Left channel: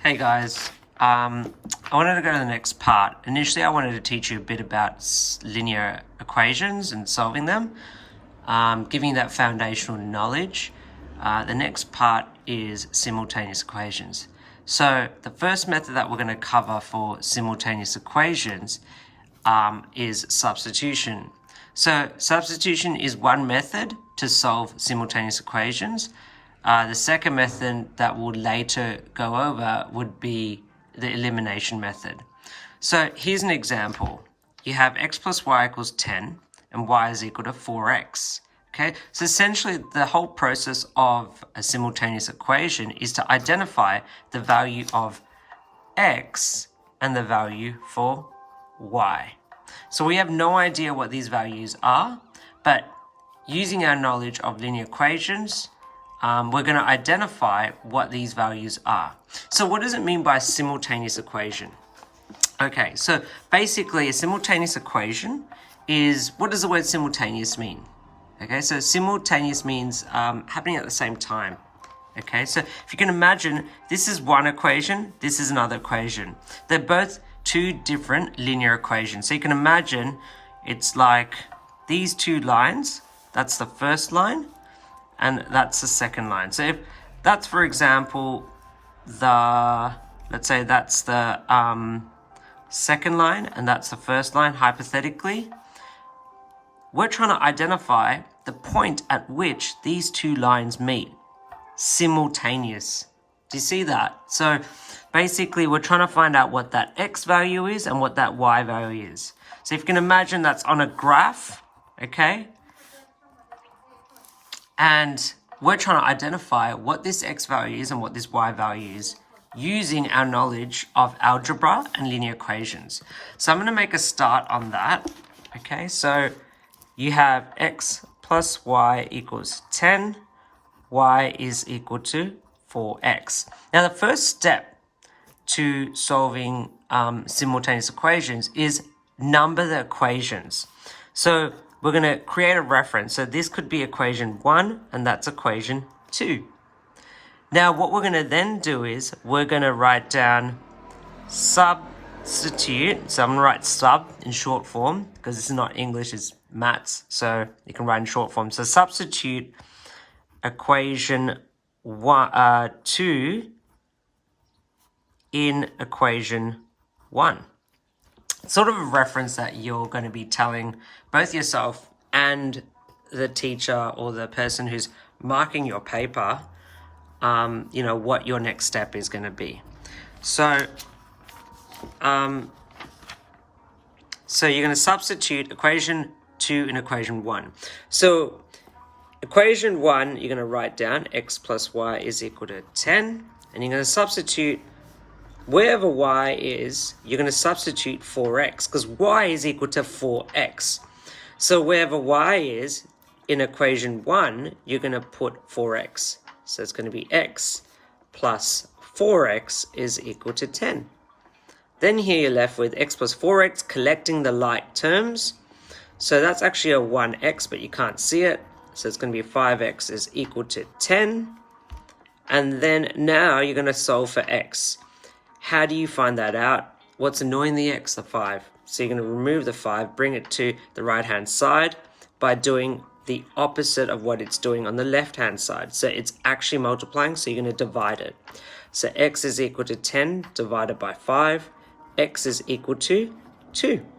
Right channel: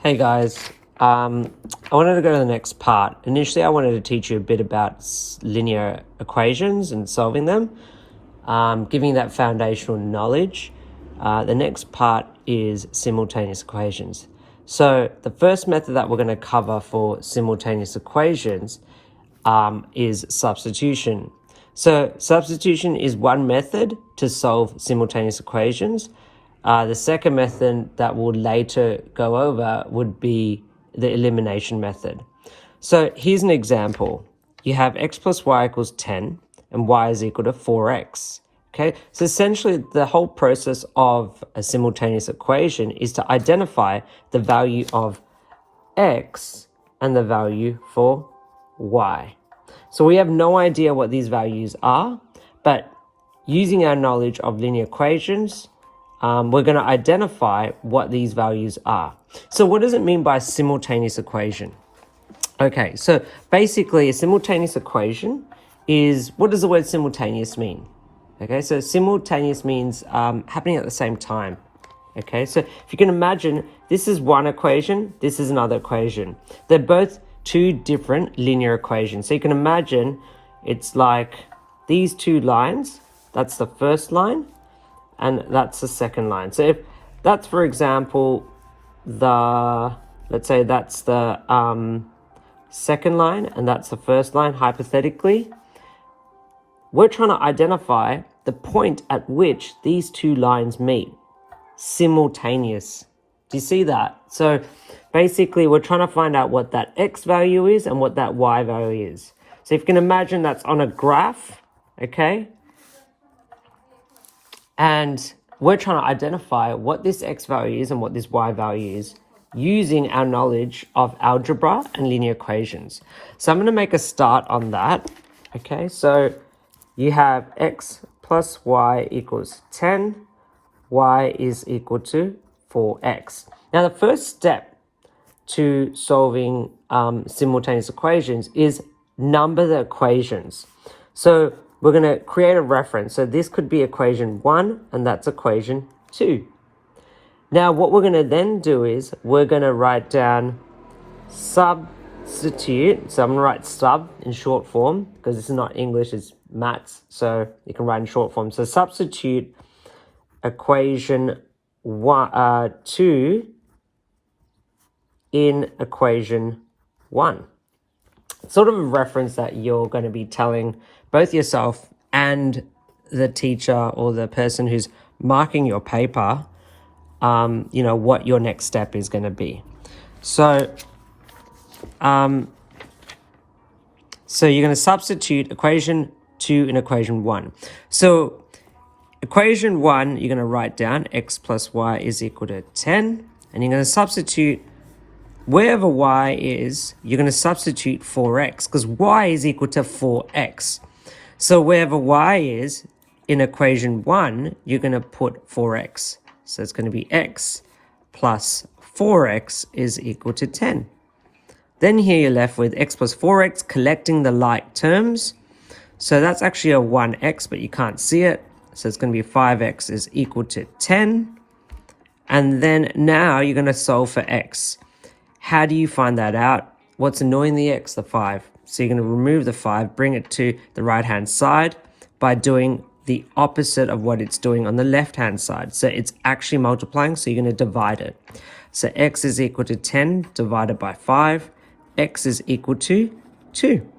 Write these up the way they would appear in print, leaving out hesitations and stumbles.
Hey guys, I wanted to go to the next part. Initially, I wanted to teach you a bit about linear equations and solving them, giving you that foundational knowledge. The next part is simultaneous equations. So the first method that we're going to cover for simultaneous equations is substitution. So substitution is one method to solve simultaneous equations. The second method that we'll later go over would be the elimination method. So here's an example. You have x plus y equals 10 and y is equal to 4x. Okay, so essentially the whole process of a simultaneous equation is to identify the value of x and the value for y. So we have no idea what these values are, but using our knowledge of linear equations, we're going to identify what these values are. So what does it mean by a simultaneous equation? Okay, so basically a simultaneous equation is, what does the word simultaneous mean? Okay, so simultaneous means happening at the same time. Okay, so if you can imagine, this is one equation, this is another equation. They're both two different linear equations. So you can imagine it's like these two lines, that's the first line, and that's the second line. So if that's, for example, let's say that's the second line and that's the first line, hypothetically, we're trying to identify the point at which these two lines meet, simultaneous. Do you see that? So basically we're trying to find out what that x value is and what that y value is. So if you can imagine that's on a graph, okay? And we're trying to identify what this x value is and what this y value is using our knowledge of algebra and linear equations. So I'm going to make a start on that. Okay, so you have x plus y equals 10, y is equal to 4x. Now the first step to solving simultaneous equations is number the equations. So we're going to create a reference. So this could be equation 1 and that's equation 2. Now what we're going to then do is we're going to write down substitute. So I'm going to write sub in short form because this is not English, it's maths. So you can write in short form. So substitute equation 2 in equation 1. Sort of a reference that you're going to be telling both yourself and the teacher or the person who's marking your paper, you know, what your next step is going to be. So, so you're going to substitute equation 2 in equation 1. So equation 1, you're going to write down x plus y is equal to 10, and you're going to substitute wherever y is, you're going to substitute 4x because y is equal to 4x. So wherever y is in equation 1, you're going to put 4x. So it's going to be x plus 4x is equal to 10. Then here you're left with x plus 4x collecting the like terms. So that's actually a 1x, but you can't see it. So it's going to be 5x is equal to 10. And then now you're going to solve for x. How do you find that out? What's annoying the x? The 5. So you're going to remove the 5, bring it to the right-hand side by doing the opposite of what it's doing on the left-hand side. So it's actually multiplying, so you're going to divide it. So x is equal to 10 divided by 5. X is equal to 2.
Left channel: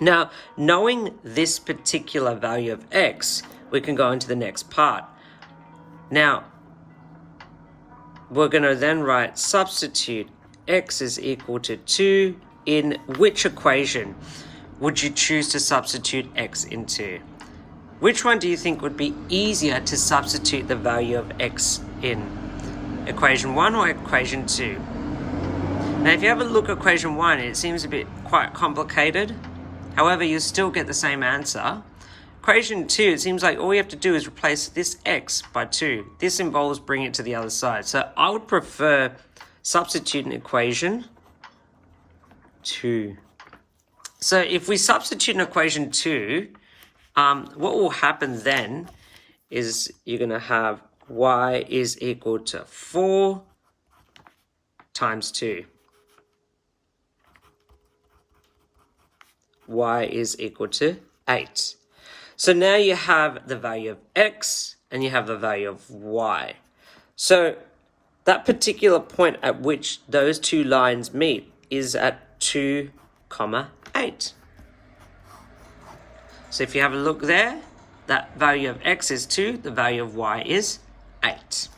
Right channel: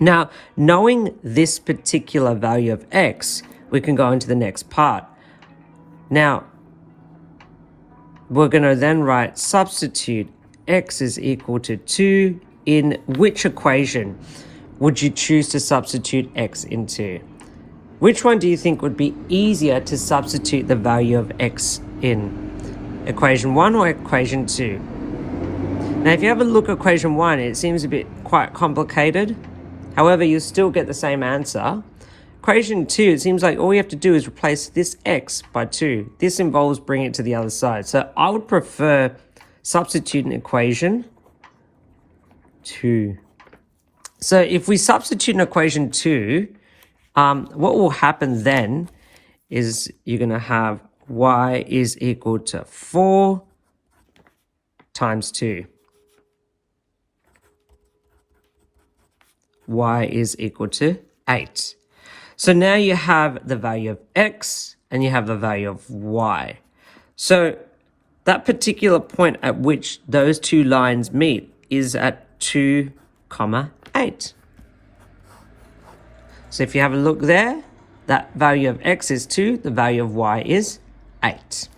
Now, knowing this particular value of x, we can go into the next part. Now, we're going to then write substitute x is equal to 2 in which equation would you choose to substitute x into? Which one do you think would be easier to substitute the value of x in? Equation 1 or equation 2? Now if you have a look at equation 1, it seems a bit quite complicated. However, you still get the same answer. Equation 2, it seems like all you have to do is replace this x by 2. This involves bringing it to the other side. So I would prefer substituting equation 2. So if we substitute in equation 2, what will happen then is you're going to have y is equal to 4 times 2. Y is equal to 8. So now you have the value of x and you have the value of y. So that particular point at which those two lines meet is at 2, 8. So if you have a look there, that value of x is 2, the value of y is 8.